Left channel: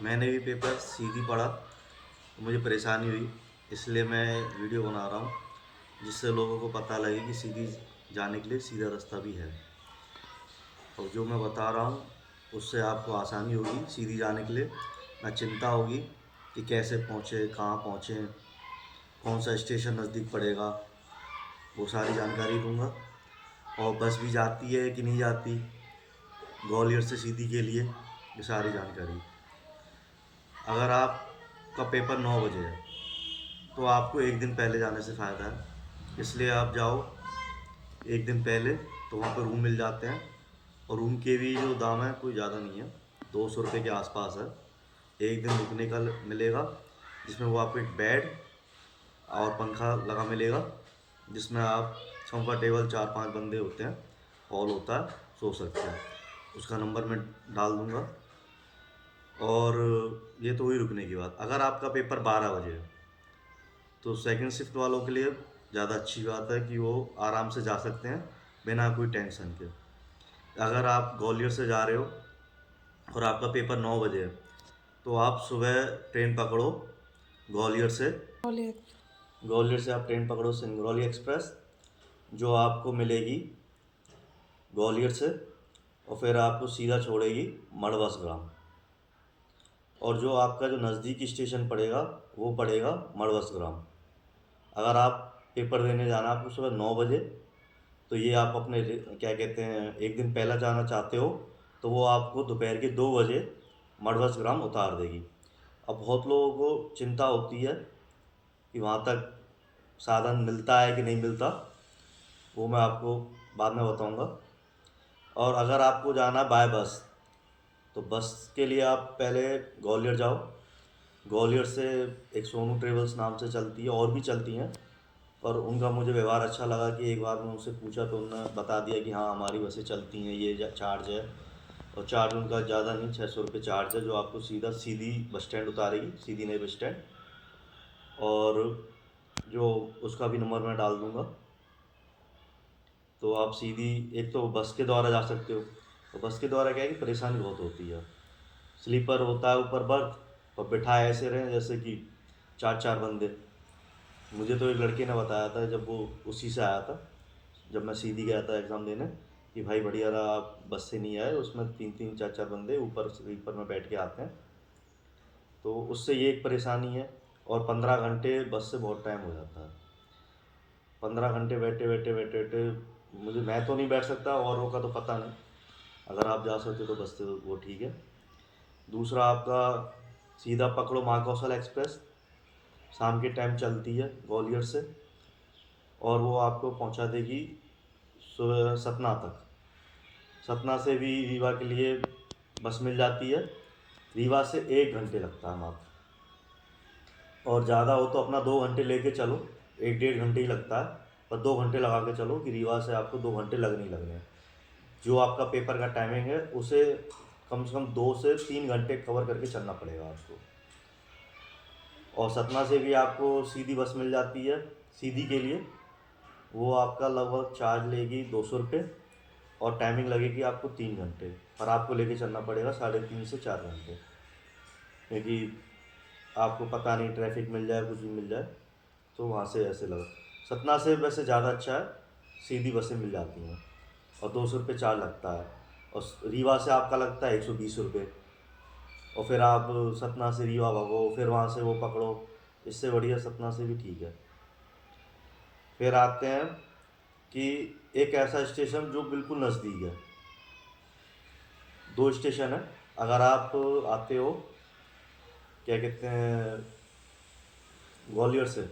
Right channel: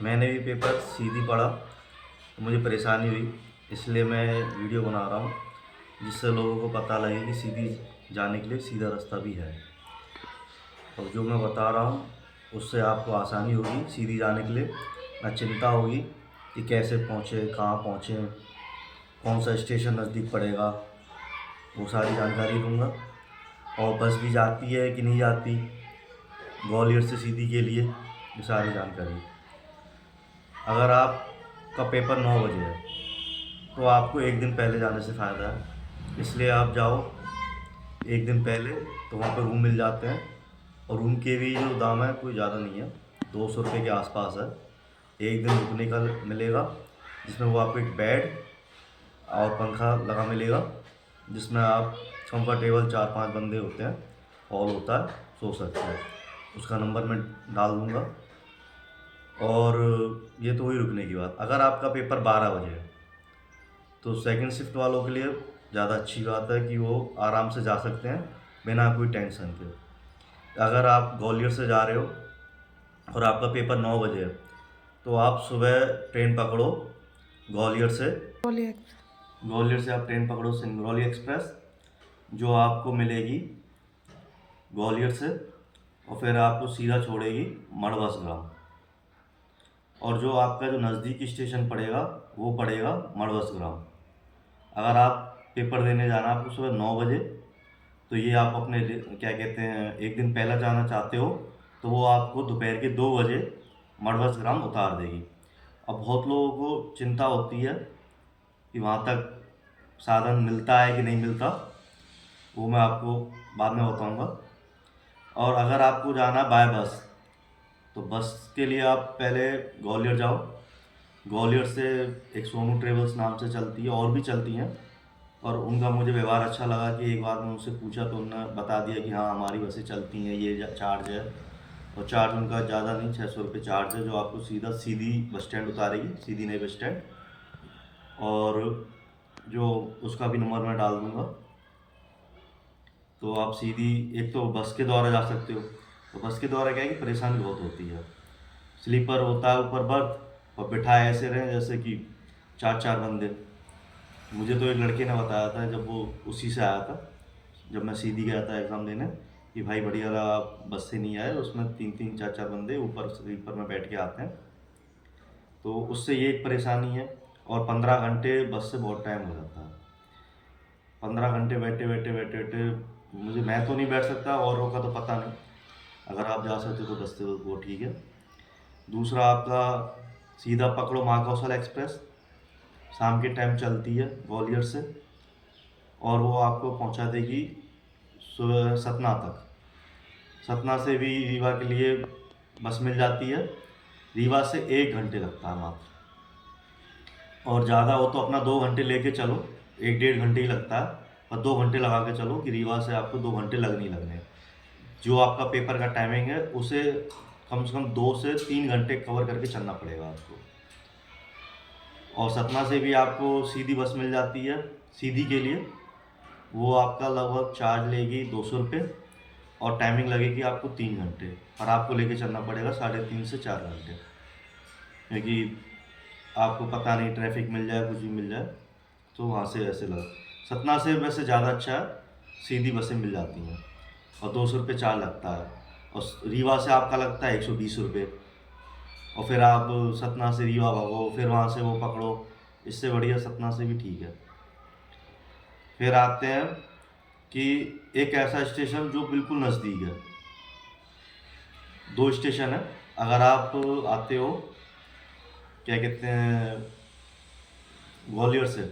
मैंने भी पेपर सीधी पढ़ा तो मुझे परेशानी हुई, इसलिए मैं वीडियो बना रहा हूँ जिससे लोगों को पता लगे कि सीधी जाने के लिए सीधा रास्ता भी है। और जो मैं बता रहा हूँ उससे आपको आसानी होगी सीधी जाने के लिए, ना चिंता होगी कि कैसे पहुँचे, कहाँ पहुँचे, कौन सा स्टेशन नज़दीक पड़ेगा, वो सारी जानकारी दूंगा। और बस भी जाती है कि नहीं जाती ग्वालियर से सीधी के लिए, ये सारी जानकारी। अगर आपका पेपर 9 बजे है तो आपको एक दिन पहले जाने से फ़ायदा है, इसलिए आप जाओ एक दिन पहले, तो वहाँ पे रूम मिल जाते हैं। और रूम के भी जो दाम है कोई ज़्यादा नहीं है, 200 रुपये के आसपास है। एक दिन रुकने का मिलेगा जिसमें वो आपको एक बेड और पंखा लगा मिलेगा, जिसमें आप कंफर्टेबल 4-5 बंदे होते हैं, हॉल होता है, सो सकते हैं। उसका नंबर मैं डाल दूँगा। और ये तो हुई रुकने की बात। अगर आपका पेपर 12 बजे है तो सेकंड शिफ्ट वालों के लिए ज़्यादा अच्छी बात है कि वो आराम से जा सकते हैं बिना कोई टेंशन के। अगर आप ग्वालियर से जा रहे हो और आपका पेपर 9 बजे है तो आप सुबह ट्रेन पकड़ो ग्वालियर से। ग्वालियर से आप ट्रेन पकड़ो सिंगरौली एक्सप्रेस, जो आपको मिलेगी ग्वालियर से, और फिर आपको सीधा छोड़ेगी मड़वस ग्राम। और जो आपका जो नज़दीकी स्टेशन पड़ेगा वो पड़ेगा मड़वस ग्राम। अगर आप पेपर देने जाना आपको सुबह 9 बजे, तो ये आप अपने क्या कहते हैं एक दिन पहला जाना चाहते हो तो वो आपको दोपहर के 2 बजे मड़वस ग्राम उतार देगी। अब बहुत लोगों को चिंता होती है कि वहाँ तक साधन मिलता है कि नहीं मिलता, वो मैं आपको बाद में बताऊँगा। और अगर आपको जाना बाय बस, तो बस के लिए आप पहले ग्वालियर जाओ। ग्वालियर से एक सोनू ट्रेवल्स नाम से चलती है, और भी चलती हैं, पर उनका मुझे व्यवहार अच्छा लगा कि एक बार मैं उनसे पूछा तो उन्होंने बता दिया कि हाँ हमारी बसें चलती हैं, ये चार्ज है। और चार्ज उनका ज़्यादा नहीं, 600 रुपये चार्ज है, जो आपको सीधी बस स्टैंड उतारेगी, सीधी नई बस स्टैंड। और जो उसका भी नंबर मैं डाल दूँगा। तो आप सीधी एक तो बस के द्वारा जा सकते हो। तो बस के द्वारा क्या है कि परेशानी बहुत होती है, स्लीपर होता है ऊपर बर्थ, और बिठाए ऐसे रहे जैसे कि 4-4 बंदे। मुझे तो एक लड़के ने बताया था जब वो उसी से आया था, जब मैं सीधी गया था एग्ज़ाम देने, कि भाई बढ़िया रहा आप बस से नहीं आए, उसमें 3-3 4-4 बंदे ऊपर स्लीपर में बैठ के आते हैं। तो उससे ये एक परेशानी है। और 15 घंटे बस से बहुत टाइम हो जाता है। 15 घंटे बैठे बैठे बैठे बैठे मुझे, मैं तो नहीं बैठ सकता, औरों का तो पता नहीं। अगर आप जा सकते हो तो बस से वो ठीक है। दूसरा आपका सीधा पकड़ो महाकौशल एक्सप्रेस, शाम के टाइम चलती है ग्वालियर से, और वो आपको पहुंचा देगी सुबह सतना तक। सतना से भी रीवा के लिए बस मिल जाती है। रीवा से 1 घंटे लगता है मात्र, और ज़्यादा हो तो अपना 2 घंटे लेके चलो, 1-1.5 घंटे ही लगता है, पर 2 घंटे लगा के चलो कि रीवा से आपको 2 घंटे लगने ही लगने हैं। जो आपका पेपर का टाइमिंग है उसे कम से कम 2 से 3 घंटे कवर करके चलना पड़ेगा आपको। और सतना से भी आपको सीधी बस मिल जाती है सीधी के लिए, वो आपका लगभग चार्ज लेगी 200 रुपये, और टाइमिंग लगेगी आपको 3 घंटे, और आपको लेके चलना पड़ेगा 3.5 से 4 घंटे, क्योंकि आपको पता नहीं ट्रैफिक मिल जाए, कुछ भी मिल जाए, तो वहाँ से ऐसे लगा। सतना से वैसे ज़्यादा अच्छा है, सीधी बसें मिल जाती हैं, और 200 रुपये चार्ज लगता है। और रीवा से आपका लगता है 120 रुपये, और फिर आप सतना से रीवा भागो, फिर वहाँ से वो पकड़ो, इससे बढ़िया सतना से भी ठीक है। फिर आते हैं कि एक ऐसा स्टेशन जो बिल्कुल नज़दीक है, 2 स्टेशन है। अगर आप आते हो क्या कहते हैं ग्वालियर से,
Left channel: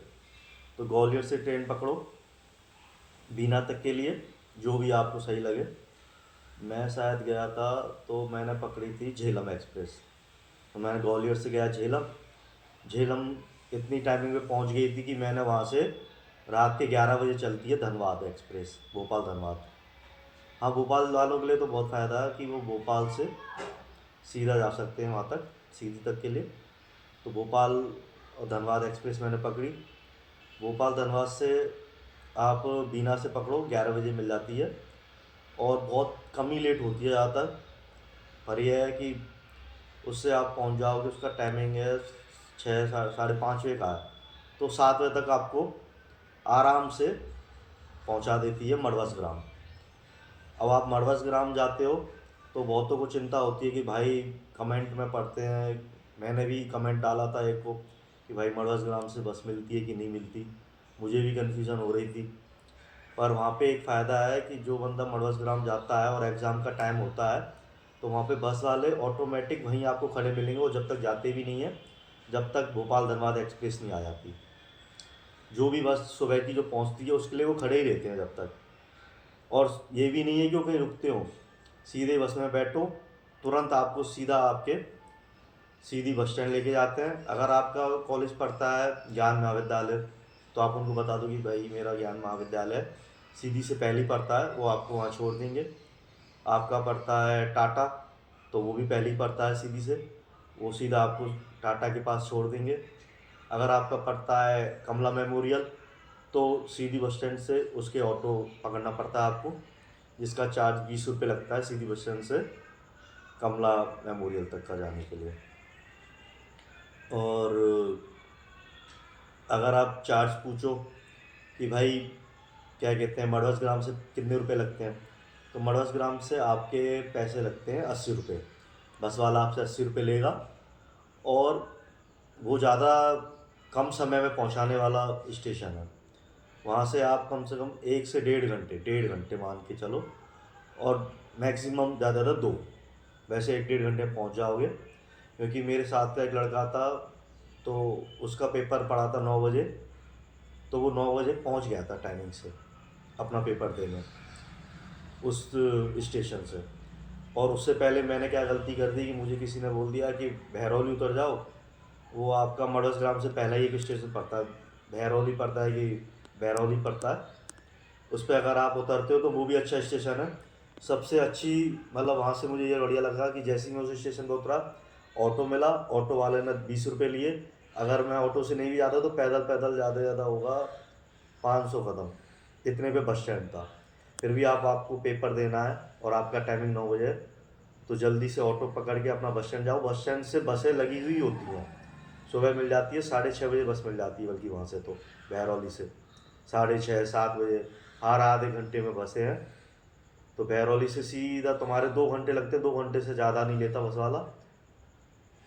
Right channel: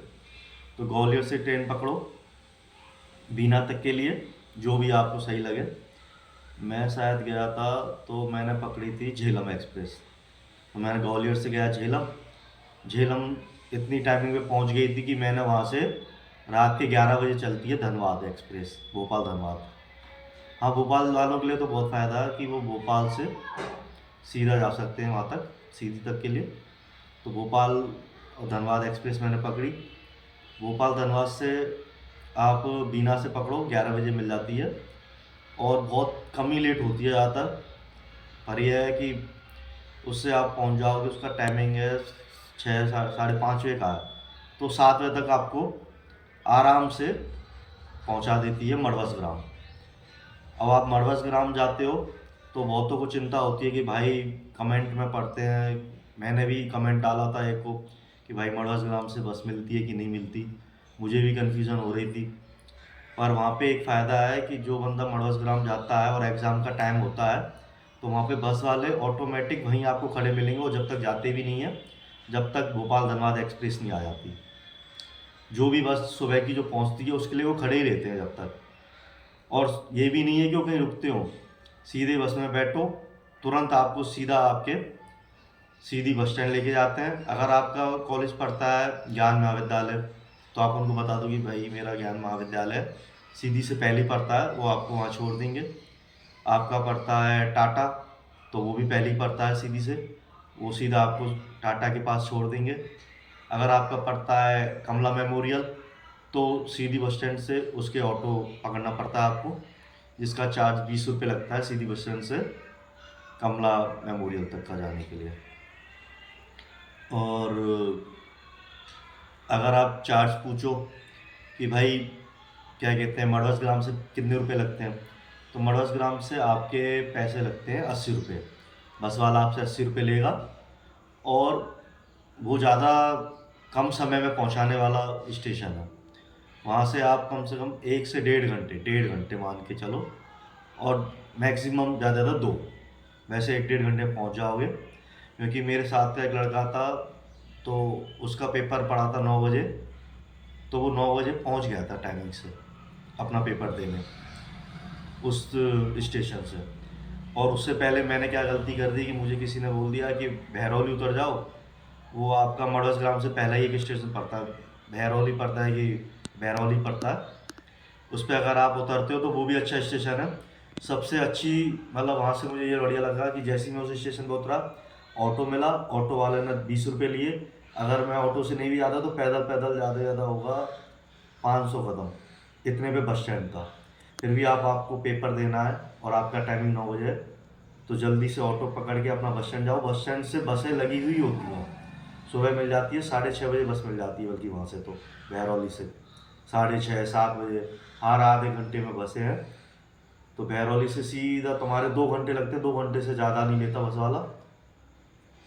तो ग्वालियर से ट्रेन पकड़ो बीना तक के लिए, जो भी आपको सही लगे। मैं शायद गया था तो मैंने पकड़ी थी झेलम एक्सप्रेस, तो मैंने ग्वालियर से गया झेलम। झेलम इतनी टाइमिंग पे पहुंच गई थी कि मैंने वहाँ से, रात के 11 बजे चलती है धनबाद एक्सप्रेस, भोपाल धनबाद। हाँ, भोपाल वालों के लिए तो बहुत फ़ायदा है कि वो भोपाल से सीधा जा सकते हैं वहाँ तक, सीधी तक के लिए। तो भोपाल और धनबाद एक्सप्रेस मैंने पकड़ी। भोपाल धनबाद से आप बीना से पकड़ो, 11 बजे मिल जाती है, और बहुत कम ही लेट होती है ज़्यादातर। पर यह है कि उससे आप पहुंच जाओगे। उसका टाइमिंग है 6 साढ़े 5 बजे का है, तो 7 बजे तक आपको आराम से पहुंचा देती है मड़वस ग्राम। अब आप मड़वस ग्राम जाते हो तो बहुतों को चिंता होती है कि भाई, कमेंट में पढ़ते हैं, मैंने भी कमेंट डाला था एक को कि भाई मड़वस ग्राम से बस मिलती है कि नहीं मिलती, मुझे भी कन्फ्यूज़न हो रही थी। पर वहाँ पे एक फ़ायदा है कि जो बंदा मड़वस ग्राम जाता है और एग्ज़ाम का टाइम होता है, तो वहाँ पे बस वाले ऑटोमेटिक वहीं आपको खड़े मिलेंगे, और जब तक जाते भी नहीं हैं, जब तक भोपाल धनबाद एक्सप्रेस नहीं आ जाती। जो भी बस सुबह की जो पहुँचती है उसके लिए वो खड़े ही रहते हैं जब तक। और ये भी नहीं है कि वो कहीं रुकते हों, सीधे बस में बैठो, तुरंत आपको सीधा आपके सीधी बस स्टैंड लेके जाते हैं। अगर आपका कॉलेज पड़ता है ज्ञान महाविद्यालय, तो आप उनको बता दो कि भाई मेरा ज्ञान महाविद्यालय सीधी से पहले पड़ता है, वो आपको वहाँ छोड़ देंगे। आपका पड़ता है टाटा, तो वो भी पहले ही पड़ता है सीधी से, वो सीधा आपको टाटा के पास छोड़ देंगे। अगर आपका पड़ता है कमला मेमोरियल, तो सीधी बस स्टैंड से उसके ऑटो पकड़ना पड़ता है आपको, जिसका चार्ज 20 रुपये लगता है सीधी बस स्टैंड से कमला मेमोरियल तक का जाने के लिए। और अगर आप चार्ज पूछो कि भाई क्या कहते हैं मड़वस ग्राम से कितने रुपए लगते हैं, तो मड़वस ग्राम से आपके पैसे लगते हैं 80 रुपये। बस वाला आपसे 80 रुपये लेगा, और वो ज़्यादा कम समय में पहुंचाने वाला स्टेशन है। वहाँ से आप कम से कम 1 से 1.5 घंटे मान के चलो, और मैक्सिमम ज़्यादा ज़्यादा 2, वैसे 1-1.5 घंटे में पहुँच जाओगे। क्योंकि मेरे साथ का एक लड़का था, तो उसका पेपर पड़ा था 9 बजे, तो वो 9 बजे पहुँच गया था टाइमिंग से अपना पेपर देने उस स्टेशन से। और उससे पहले मैंने क्या गलती कर दी कि मुझे किसी ने बोल दिया कि भैरौली उतर जाओ, वो आपका मड़वस ग्राम से पहला ही एक स्टेशन पड़ता है, भैरौली पड़ता है कि भैरौली पड़ता है, उस पर अगर आप उतरते हो तो वो भी अच्छा स्टेशन है। सबसे अच्छी मतलब वहाँ से मुझे ये बढ़िया लगा कि जैसे ही मैं उस स्टेशन पर उतरा, ऑटो मिला, ऑटो वाले ने 20 रुपये लिए। अगर मैं ऑटो से नहीं भी जाता तो पैदल पैदल ज़्यादा से ज़्यादा होगा 500 कदम, इतने पे बस स्टैंड था। फिर भी आपको पेपर देना है और आपका टाइमिंग 9 बजे है, तो जल्दी से ऑटो पकड़ के अपना बस स्टैंड जाओ। बस स्टैंड से बसें लगी हुई होती हैं, सुबह मिल जाती है, 6:30 बजे बस मिल जाती है, बल्कि वहाँ से तो बहरौली से 6:30-7 बजे हर आधे घंटे में बसें हैं। तो बहरौली से सीधा तुम्हारे 2 घंटे लगते हैं, 2 घंटे से ज़्यादा नहीं लेता बस वाला।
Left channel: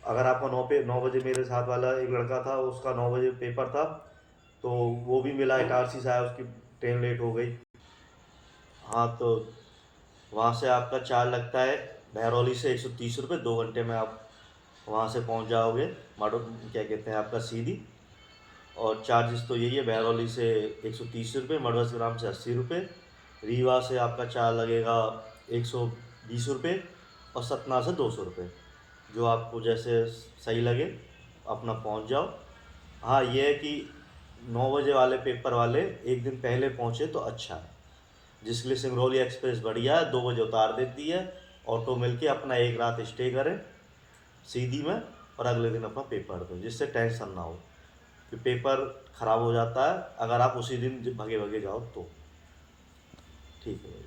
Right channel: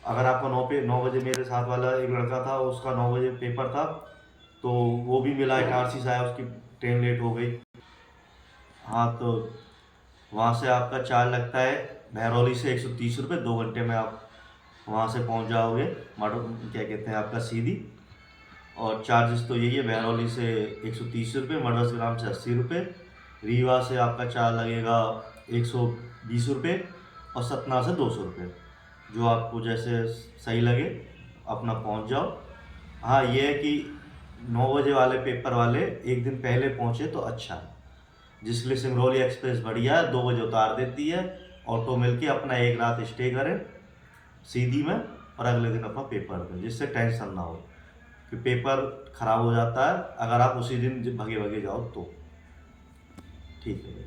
अगर आपका 9 बजे, मेरे साथ वाला एक लड़का था, उसका 9 बजे पेपर था, तो वो भी मिला, इटारसी से आया, उसकी ट्रेन लेट हो गई। हाँ, तो वहाँ से आपका चार्ज लगता है बहरौली से 130 रुपये, 2 घंटे में आप वहाँ से पहुँच जाओगे माडो क्या कहते हैं आपका सीधी। और चार्जेस तो यही है, बहरौली से 130 रुपये, मड़वस ग्राम से 80 रुपये, रीवा से आपका चार्ज लगेगा 120 रुपये, और सतना से 200 रुपये। जो आपको जैसे सही लगे अपना पहुँच जाओ। हाँ, ये है कि 9 बजे वाले पेपर वाले एक दिन पहले पहुँचे तो अच्छा है, जिसके लिए सिंगरौली एक्सप्रेस बढ़िया है, 2 बजे उतार देती है। ऑटो मिलके अपना एक रात स्टे करें सीधी में, और अगले दिन अपना पेपर दें, जिससे टेंशन ना हो कि पेपर ख़राब हो जाता है अगर आप उसी दिन भगे भगे जाओ तो। ठीक है भाई।